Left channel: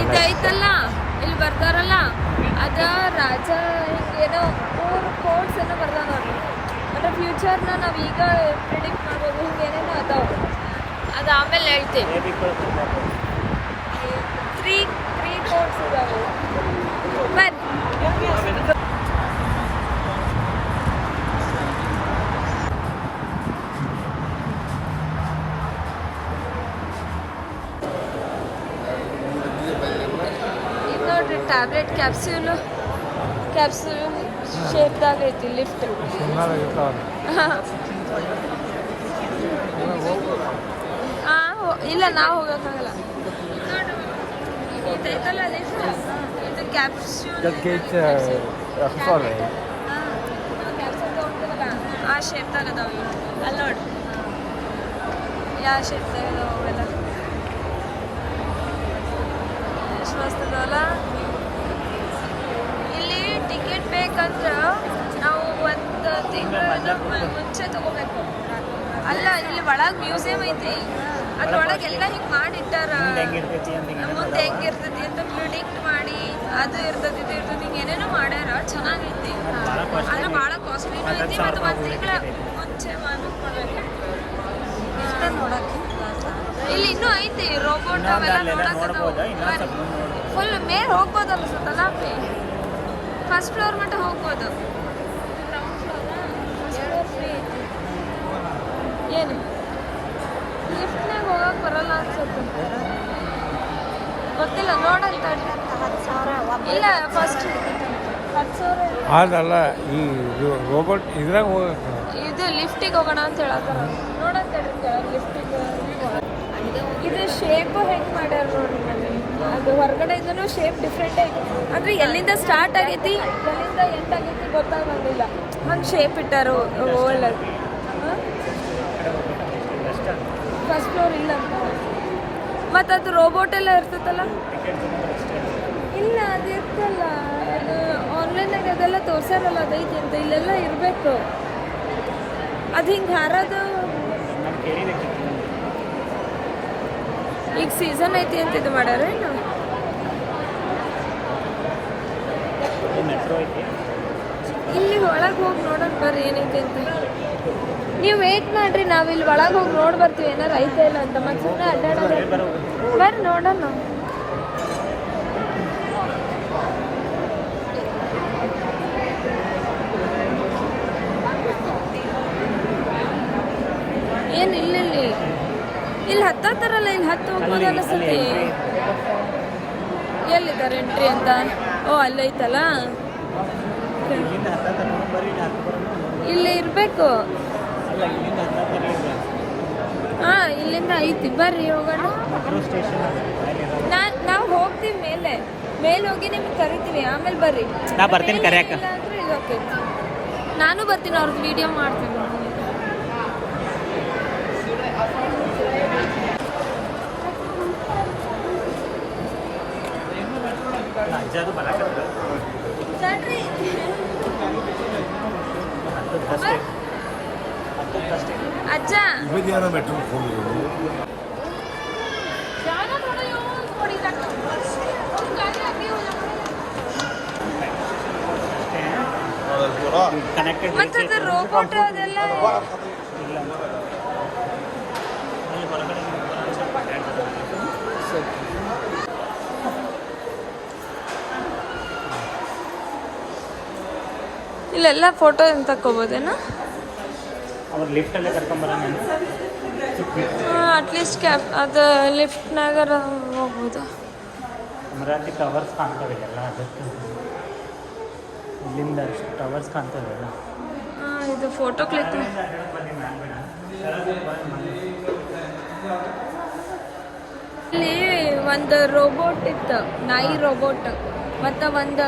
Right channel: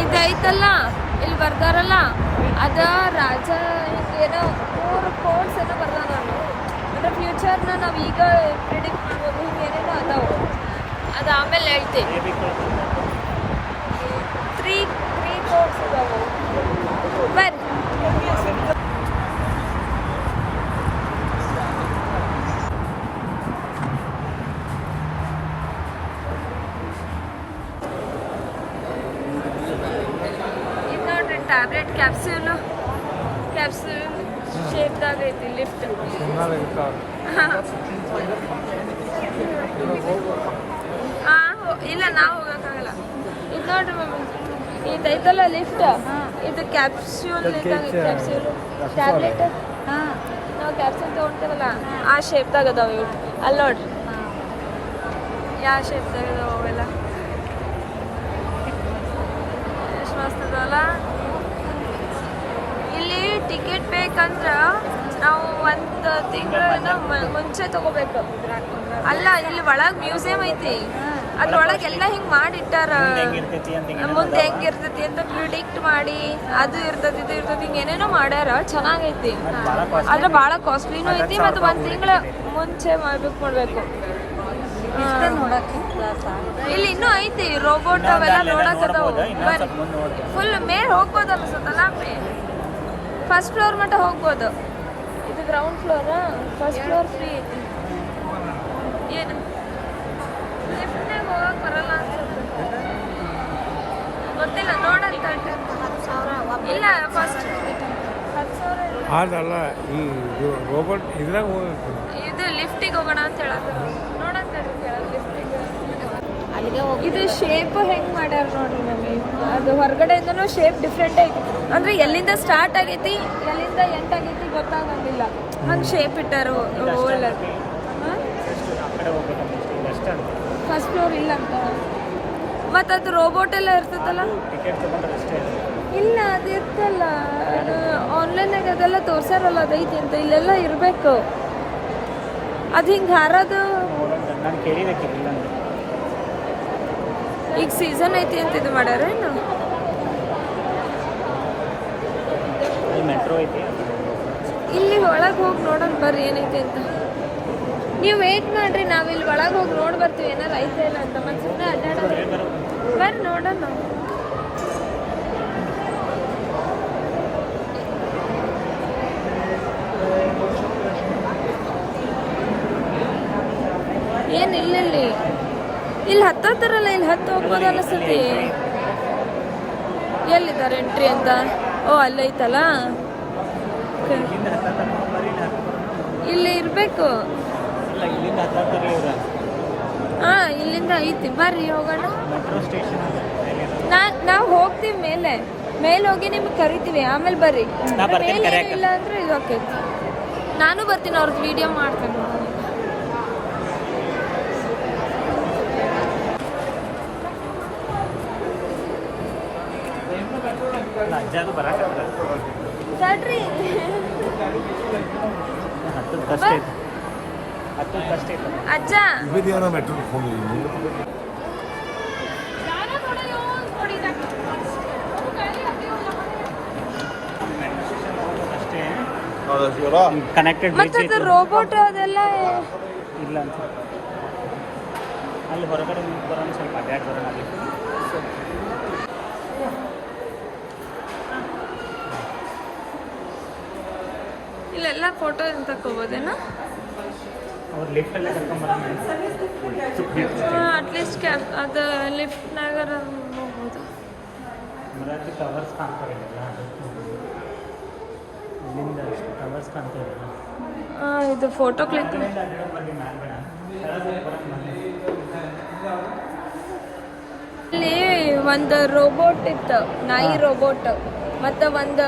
ಇದೈತಲ್ಲ ಇಲ್ಲಿ ಬರ್ತಾರಲ್ಲ ಅದ ರಾಜ ಏನೋ 4 ಕೋಡ್ಸ್ ಏನೋ ಬರ್ದಾನ ನಾನು ಅಂದ್ರೆ ಫ್ಯೂಚರ್ನ ನಾವು ಈಗ ಪ್ರಿಡಿಕ್ಟ್ ಮಾಡ್ಬೋದು ಹಿಂಗೆ ಏನೇನೋ ಅದಾವು ಅದು ಆಮೇಲೆ ಹೇಳ್ತೀನಿ 3 ಕೋಡ್ಸ್ ಇದಾವು ಬನ್ನಿ ಟ್ಯಾಬ್ಲೆಟ್ ಕ್ಯಾಪ್ಸ್ಯೂಲ್ ಶೇಪ್ದಾಗ ಐತಿ ಲಿಫ್ಟ್ ಇಲ್ಲ ನಾವು ಹೋಗೋಕ್ಕಾಗಲ್ಲ ಇದು ನೋಡ್ರಿ ಇದೈತಲ್ಲ ಲಿಫ್ಟ್ ಇದು ಕ್ಯಾಪ್ಸ್ಯೂಲ್ ಟ್ಯಾಬ್ಲೆಟ್ ನಾವು ಕ್ಯಾಪ್ಸೂಲ್ ತೊಗೊಳ್ತೇವಲ್ಲ ಆ ಶೇಪ್ದಾಗ ಅದಾವ ಇವು ಅಲ್ಲಿ ನೋಡಿ ಯಾವ ಶೇಪ್ದಾಗ ಅದಾವ ಅವೆಲ್ಲ ಎಷ್ಟು ಮಸ್ತ್ ಅದಾವಲ್ಲ ಇಲ್ಲಿ ಟಿಕೆಟ್ ಬೇಕಂದ್ರೆ ನಾವು 1 ತಿಂಗಳನ್ನ ಮುಂಚೆ ತಗೋಬೇಕು ಅಲ್ಲ ಇಲ್ಲಿ ಒಳಗೆ ಮ್ಯೂಸಿಯಂ ಐತಿ ಅದ್ರೊಳಗೆ ಎಲ್ಲ ಹಿಂಗೆ ಮಾಡಿಟ್ಟಾರ ಮುಂದೆ ಹೆಂಗಿರ್ತೈತಿ ಅಂತ ಪ್ರಿಡಿಕ್ಟ್ ಮಾಡಿ ಅದು ಇರ್ತೈತಿ ಇದು ಇರ್ತೈತಿ ಹಿಂಗೆ ಏನೇನೋ ಮಾಡ್ಯಾರ ಚೆನ್ನಾಗೈತಿ ಆದ್ರೆ ಭಾಳ ಕಾಸ್ಟ್ಲಿನೂ ಐತಿ ಮತ್ತು 1 ತಿಂಗಳ ಮುಂಚೆ ಮಾಡ್ಬೇಕು ಇಲ್ಲಿ ಇನ್ನೂ ಐತಿ ರೋಬೋಟ್ ಅವೆಲ್ಲ ನೋಡಕ್ಕದಾವು ಬರ್ರಿ ಫುಲ್ ಮೇಲೆ ಹೋಗ್ಬೋದಲ್ಲ ಸತ್ತಲ್ಲ ಫಸ್ಟ್ ಫ್ಲೋರ್ ಮಟ್ಟ ಹೋಗ್ಬೋದು ಇದು ಗ್ರೌಂಡ್ ಫ್ಲೋರಾ ಫಸ್ಟ್ ಫ್ಲೋರ್ ಫ್ರೀ ಐತಿ ಏನು ಲಿಫ್ಟ್ನಾಗ ಹೋಗಕ್ಕೆ ಬರಲ್ಲ ಅನ್ಸುತ್ತೆ ಗೊತ್ತಿಲ್ಲ ನೋಡಂತ ಇಲ್ಲ ಫಸ್ಟ್ ಅದಲ್ಲ ಈ ರೋಬೋಟ್ ಇದ್ರಾಗ ಹೋಗಕ್ಕೆ ಇದು ಲಿಫ್ಟಿಗೆ ಹೋಗೋಣ ಅಂತ ಹೇಳತ್ತಾರ ನೋಡಂತ ಲಿಫ್ಟಿಗೆ ಇದು ಶೇಪ್ ಹೆಂಗೆ ಮಾಡ್ಯಾರ ನೋಡ್ರಿ ಮಮ್ಮಿ ಅದು ಹೊರಗಡೆಯಿಂದನೂ ಶೇಪ್ ಡಿಫ್ರೆಂಟ್ ಐತಿ ಅಂದ್ರೆ ಎಲ್ಲಿಂದ ಸ್ಟಾರ್ಟ್ ಆಗೈತಿ ಎಲ್ಲಿಂದ ಎಂಡ್ ಆಗೈತಿ ಗೊತ್ತಾಗಂಗಿಲ್ಲ ಹಂಗೆ ಶೇಪ್ ಇಟ್ಟಾರ ಒಳ್ಳೇದು ಫಸ್ಟ್ ಫ್ಲೋರ್ ಇಲ್ಲ ಅಂತ ಮತ್ತು ಅದು ರೋಬೋಟ್ ಎಲ್ಲ ಇರ್ತೈತಲ್ಲ ಇಲ್ಲ ಅದು ಇರ್ತಲ್ಲ ಅದು ಆನ್ಲೈನಾಗ ಅದೆಲ್ಲ ತೋರ್ಸ್ಯಾರಲ್ಲ ಅದೈತಿ ಅಂತ ಇಲ್ಲೆಲ್ಲ ಇರಬೇಕು ಅದು ಹಿಂಗೆ ಹಾರೋದು ಈಗ ಸೀಸನ್ ಐತಿ ಅಂತ ಇದು ಮಾಡ್ಯಾರ ಏನು ಇಲ್ಲಿ ಒಳಗೆ ಹೋಗಿ ನೋಡೋಣ ಬರ್ರಿ ಏನೈತಿ ಅಂತ ನೀವು ವೇಟ್ ಮಾಡ್ರಿ ನಾವಿಲ್ಲಿ ಒಳಗೆ ಹೋಗಿ ನೋಡಿ ಬರ್ತೀವಿ ಏನಾರು ಐತೆ ಇಲ್ಲ ಅಂತ ಮತ್ತೆ ಸುಮ್ಮನೆ ಅಡ್ಡಾಡೋದು ಬರ್ರಿ ನೋಡೋಣ ಏನು ಇಲ್ಲಿ ಹತ್ತೋತಾರಲ್ಲ ಇಲ್ಲಿ ಹತ್ತು ಹೋಗ್ಬೋದು ಅನ್ನಿಸ್ತತಿ ಎಲ್ಲಿದ್ದಾರೆ ಎಂಟ್ರಿ ಅಂತ ಓ ಅಲ್ಲೈತಲ್ಲ ಇಲ್ಲಿ ಇರಬೇಕು ಹಾಂ ಇಲ್ಲಿಂದ ಐತಿ ಬರ್ರಿ ಹೋಗೋಣ ನಾವು ಹೋಗ್ತೀವಿ ಮೇಲೆ ಹೋಗಿ ನಿಮ್ಗೆ ಕರಿತೀವಿ ಆಮೇಲೆ ಬರ್ರಿ ಇಲ್ಲ ಅಂದ್ರೆ ಇದು ಆಗ್ತೈತಿ ನಾನು ಬರ್ತೀನಿ ಅವ್ರದ್ದು ವಿಡಿಯೋ ಮಾಡ್ತೇನೆ ಅಜ್ಜ ಮತ್ತೆ ರೋಬೋಟ್ ಅದೆಲ್ಲ ಇಲ್ಲೆಲ್ಲ ಫೋಟೋ ಏನು ತಕ್ಕೋಬೋದೇನಾ ಅಟ್ಲೀಸ್ಟ್ ಕ್ಯಾಬ್ ಅದು ಲಿಫ್ಟ್ನಾಗಾರ ಹೋಗ್ಬೋದು ಇದು ಫೋಟೋ ಕ್ಲಿಕ್ ಇಲ್ಲಿ ಒಂದು ರೋಬೋಟ್ ಇತ್ತು ನಾಯಿ ರೋಬೋಟ್ ಮತ್ತು ಒಂದು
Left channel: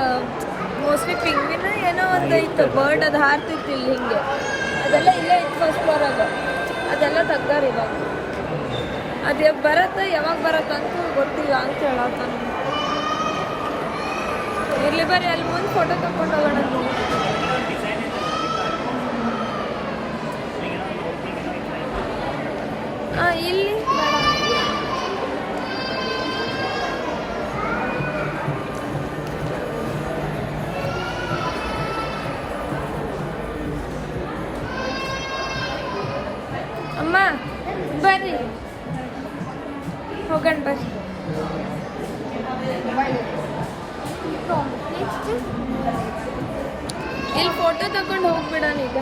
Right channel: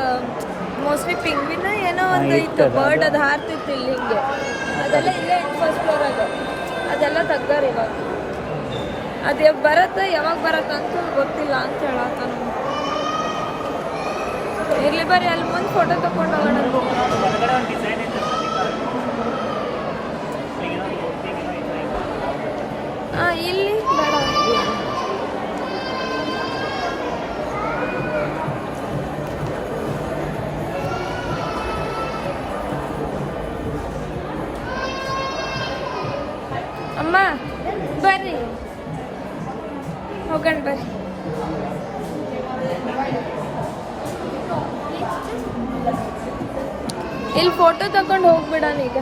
ಮೋಸ್ಟ್ಲಿ ಪಿಂಗ್ವಿನ ಏನೋ ಒಂದು ಇತ್ತು ಬರ್ಡ್ ಅದು ಹಾರ್ತಿತ್ತು ಇಲ್ಲಿ ಹಿಂಗೆ ಅದೆಲ್ಲ ಇಲ್ಲೇ ಇತ್ತು ಫಸ್ಟ್ ಫ್ಲೋರಾಗ ಅದೆಲ್ಲ ತೆಗ್ದಾರ ಇವಾಗ ಅದು ಬರತ್ತೆ ಯಾವಾಗ ಬರತ್ತೆ ಅಂತ ಗೊತ್ತಿಲ್ಲ ಅಂತ ಹೇಳತ್ತ ನಮ್ಗೆ ಇರ್ಲಿ ಬರ್ರಿ ಅಲ್ಲಿ ಮುಂದೆ ಫೋಟೋ ತಗೊಂಡು ಹೋಗೋಣ ಇಲ್ಲಿ ಬೇಡ ಅಮ್ಮ ಬರ್ರಿ ಹೋಗೋಣ ಬರ್ರಿ. ಇಲ್ಲಿ ಫೋಟೋ ತಗೊಂಡು ಹೋಗ್ಬಿಡೋಣ ಈಗ.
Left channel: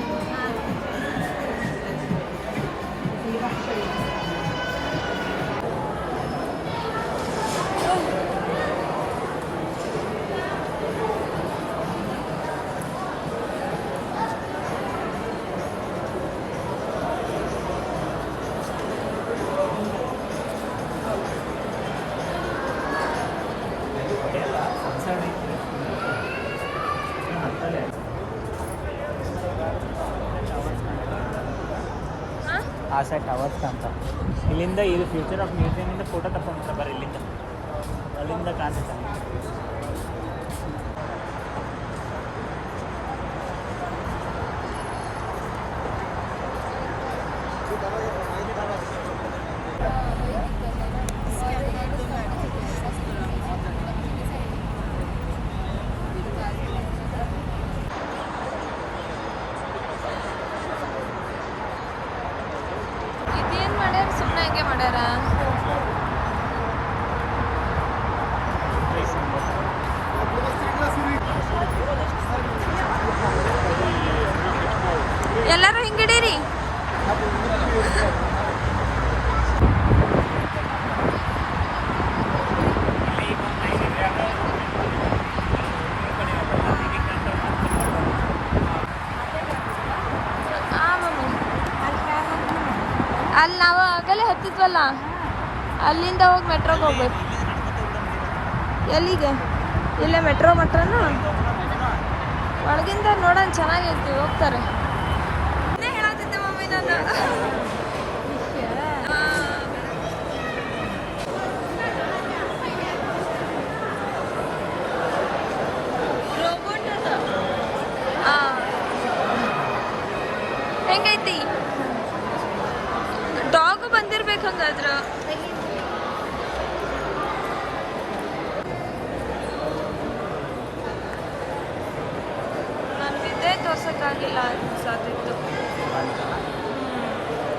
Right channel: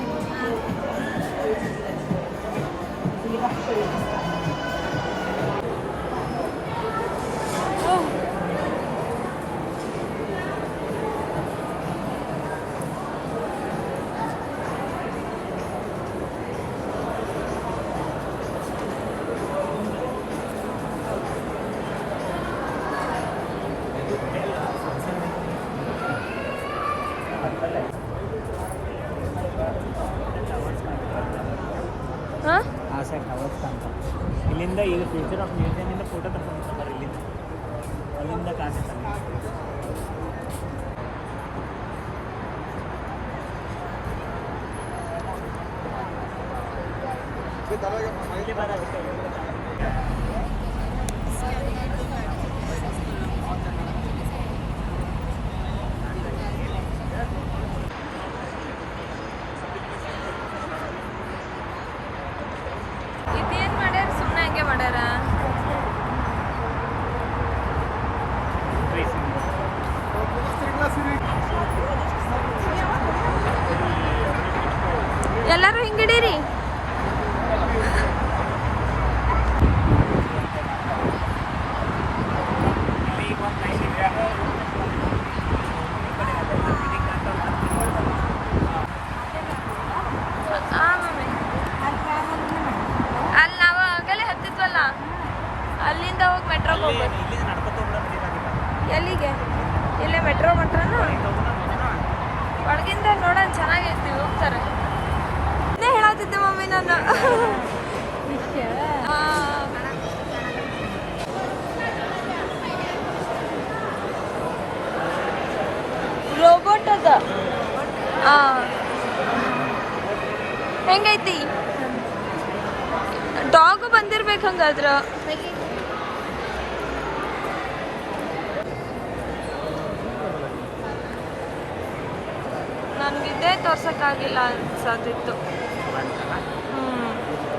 ಆಸೆ ಟವರ್ಸ್ ಅಂತ ಇಲ್ಲಿಂದ ಇದು ಫ್ಯೂಚರ್ ಆಫ್ ಮ್ಯೂಸಿಯಮಿಂದ ಫೋಟೋ ತಗೊಂಡು ಬರೀ ಇಲ್ಲಿಂದ ಅಲ್ಲಿಂದ ಕಾಣಿಸುತ್ತೆ ಅಲ್ಲಿ. ಇದೇನ್ ಮಾಡ್ಯಾರ? ಸುಮ್ಮನೆ ಹಂಗೆ ಮಾಡ್ಯಾರ. ಎಲ್ಲರೂ ಹಿಂಗಿಡೀರಿ. ಅಲ್ಲಿ ನಾವು ಆಗಲೇ ಹತ್ತಿದ್ವಲ್ಲ, ಅಲ್ಲಿಂದ ಹೋಗಿ ಮೆಟ್ರೋ ಹೋಗ್ಬೇಕು. ಎಲ್ಲಿಗೆ? ಇಲ್ಲೇ ಮೆಟ್ರೋ ಮಟ್ರನು ಒಳಗಿಂದ ನೋಡೋಣ, ಚೆನ್ನಾಗೈತಿ, ಹೋಗ್ತಾರೆ. ಇದೇ ಹೇಳತ್ತಿದ್ದೆ ಮಮ್ಮಿ ನಾನು. ರೋಬೋಟ್ ಅದ. ಹೆಂಗೈತಿ? ಡಾಗು ಬಂದಿರ್ಬೇಕು ಹಂಗಾದ್ರ. ನನ್ಗಿದ್ದೇ ತೋರ್ಸಕ್ಕಾಗಿಲ್ಲ ಅನ್ಸಾತಿತ್ತು.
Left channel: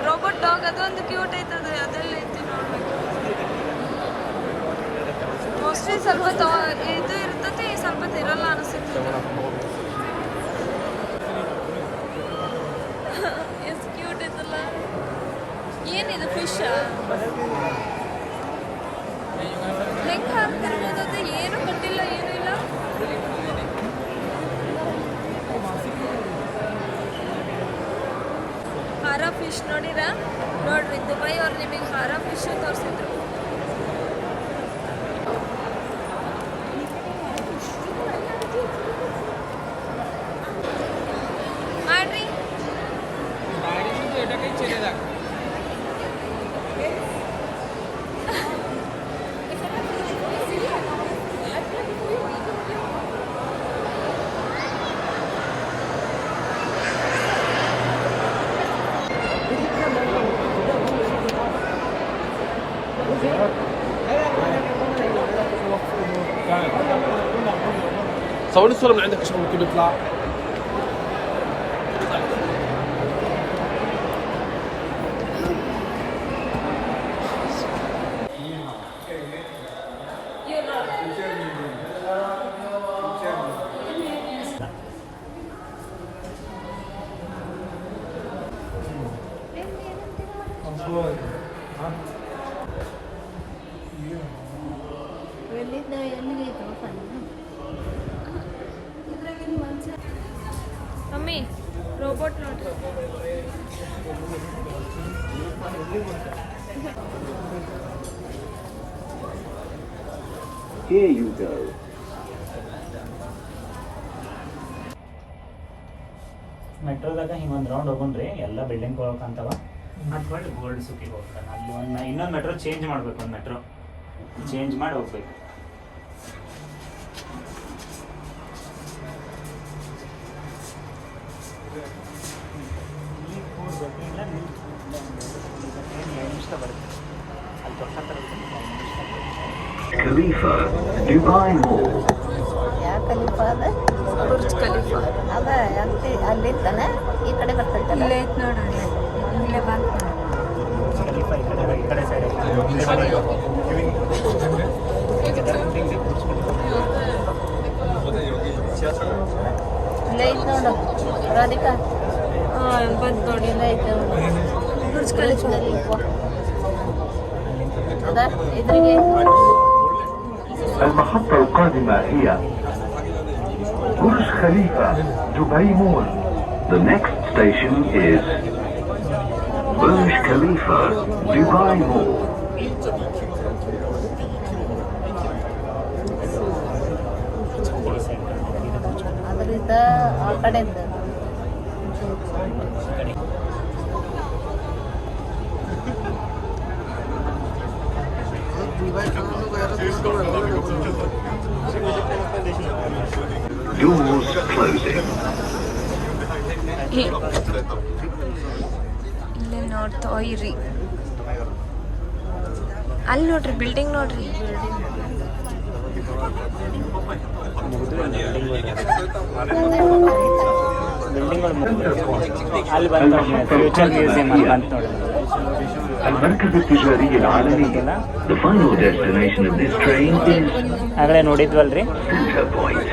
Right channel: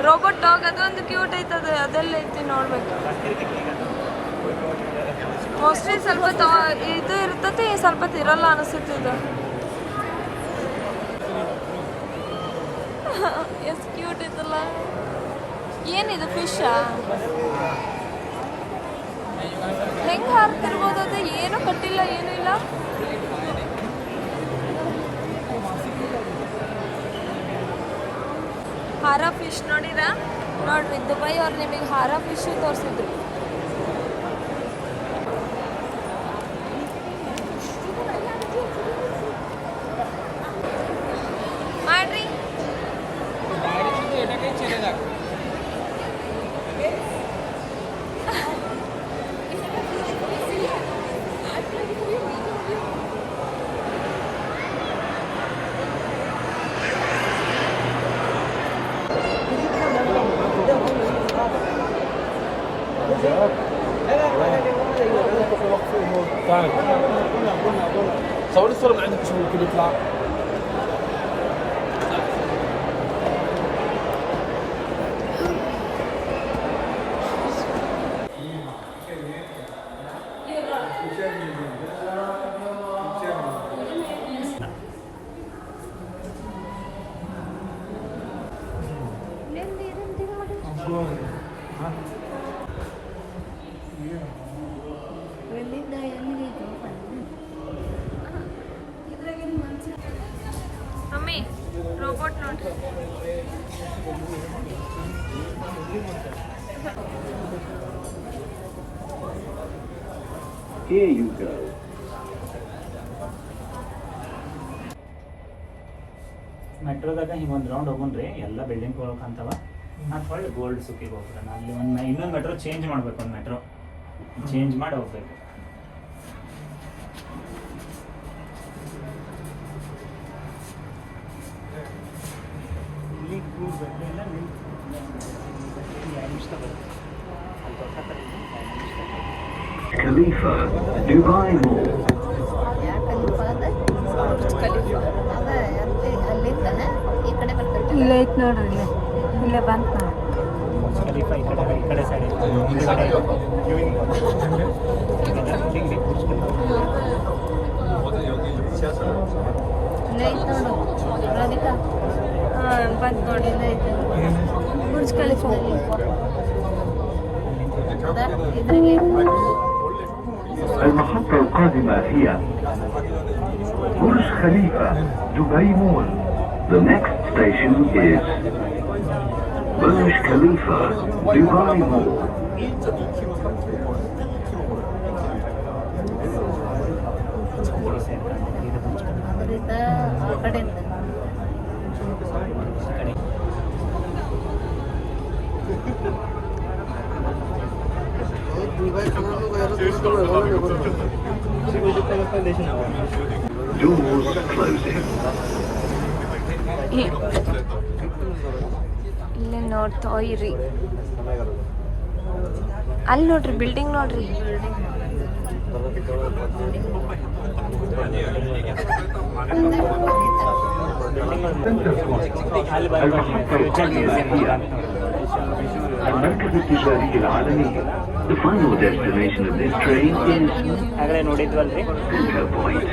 ರೋಬೋಟ್ ಡಾಗ್ ಅದೊಂದು ಕ್ಯೂಟ್ ಐತದ, ಅದೆಲ್ಲ ಐತಿ ನೋಡ್ಬೇಕು. ಮೋಸ್ಟ್ಲಿ ಸ್ವಲ್ಪ ಇದು ಇರ್ತತಿ, ಸ್ವಲ್ಪ ಇರಲ್ಲ ಅನಿಸುತ್ತೆ ಇದು. ಎಷ್ಟು ಕ್ಯೂಟ್ ಐತಲ್ಲ. ಏನಿದು ಫಿಶ್? ಹೆಂಗೆ ಹಾರ್ತಿರ್ಬೋದು ಅದು? ಏನು ಕಟ್ಟಿಲ್ಲ, ಏನೂ ಇಲ್ಲ. ಹಾರ ಫಿಶ್ ನೋಡಿರ? ನೋಡ್ರಿ, ದುಬೈ ಅವ್ರು ನಿಮಗೆ ಹಾರ ಫಿಶ್ ತೋರಿಸಿದ್ರು. ಮಾಡ್ರಿ. صور الصورة من عندك مش ممكن يطلع. ಮಮ್ಮಿ ರೋಬೋಟ್ ನೋಡ್ರಿ. Here you go. ಮೆಟ್ರೋದಾಗ ಹಿಂಗೆ ಒಂದು ರೌಂಡ್ ಹೋಗೋಣ್ರಿ, ಎಲ್ಲ ಬಿಲ್ಡಿಂಗ್ ಹೋಗ್ಬೇಕಂತವ. ಮತ್ತು ಹೊಳ್ಳಿ ಗೋಲ್ಡ್ ಸುಕ್ಕಿಗೆ ಹೋಗ್ತಾನೆ. ಅಲ್ಲಿ ಇನ್ನೊಂದು ಮೆಟ್ರೋ ಚೇಂಜ್ ಮಾಡ್ಬೇಕು, ಒಂದು ಮೆಟ್ರೋ ಚೇಂಜ್ ಮಾಡಿ ಹೋಗ್ಬೇಕು. Khalifa, Dubai Mall. Burj Khalifa ಅದ ಅಲ್ಲಿಂದನೇ ಈ ಕಡೆ ಬರ್ತೈತೆ. ಇಲ್ಲೇ ಐತೆ ನೋಡ್ರಿ, ಇಲ್ಲೇ ಬಂತು. ಹಾಂ ಬಂದು ನೋಡಿ Burj Khalifa. المحطة القادمة هي برج خليفة دبي مول. The next station is Burj Khalifa Dubai Mall. ಈ ಸೈಡ್ ಕಾಣ್ತದೆ ಇದು ಬುರ್ಜ್ ಖಲೀಫಾ. ಅದರಿಂದ ಆ ಕಡೆಯಿಂದ ಈ ಕಡೆ Doors closing. ಇಲ್ಲೇ ನೋಡ್ತಾ ಇರಿ, ಅಲ್ಲಿ ನೋಡ್ರಿ ಬಿಲ್ಡಿಂಗ್ ನೋಡ್ರಿ. المحطة القادمة هي المركز التجاري العالمي. The final destination of this train is ಆಗಲೇ ನೋಡಿದ್ವಲ್ರಿ. Center Point.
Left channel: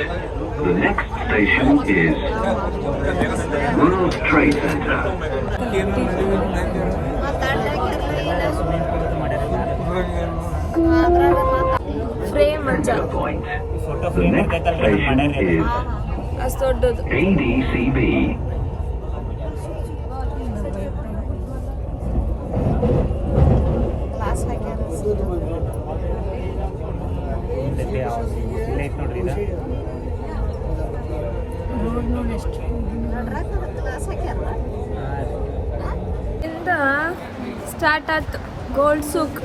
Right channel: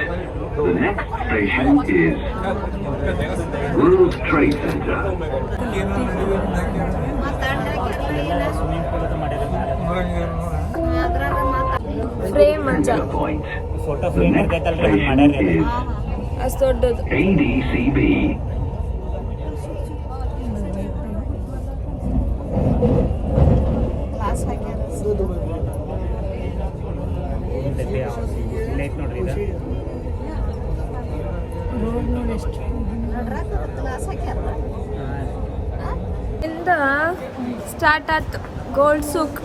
The next station is World Trade Center. Frame Manja Center Point. Photo The frame next ಇರ್ತೈತಲ್ರಿ ಹಂಗೆ station ಮಾಡ್ಯಾರ್ರಿ ಅದು. is ಅಷ್ಟು ದೊಡ್ಡದು. ADCB. ಮುಂದೆ ಯಾವ್ದು ಇಲ್ಲ ಐತೆ ನೋಡ್ರಿ ಇದು. ರೋಡ್ ನೋಡಿ ಎಷ್ಟು ಇಂದ ಸ್ಟಾರ್ಟ್ ಆಯ್ತು ಗೋಲ್ಡ್ ಸೂಕ್.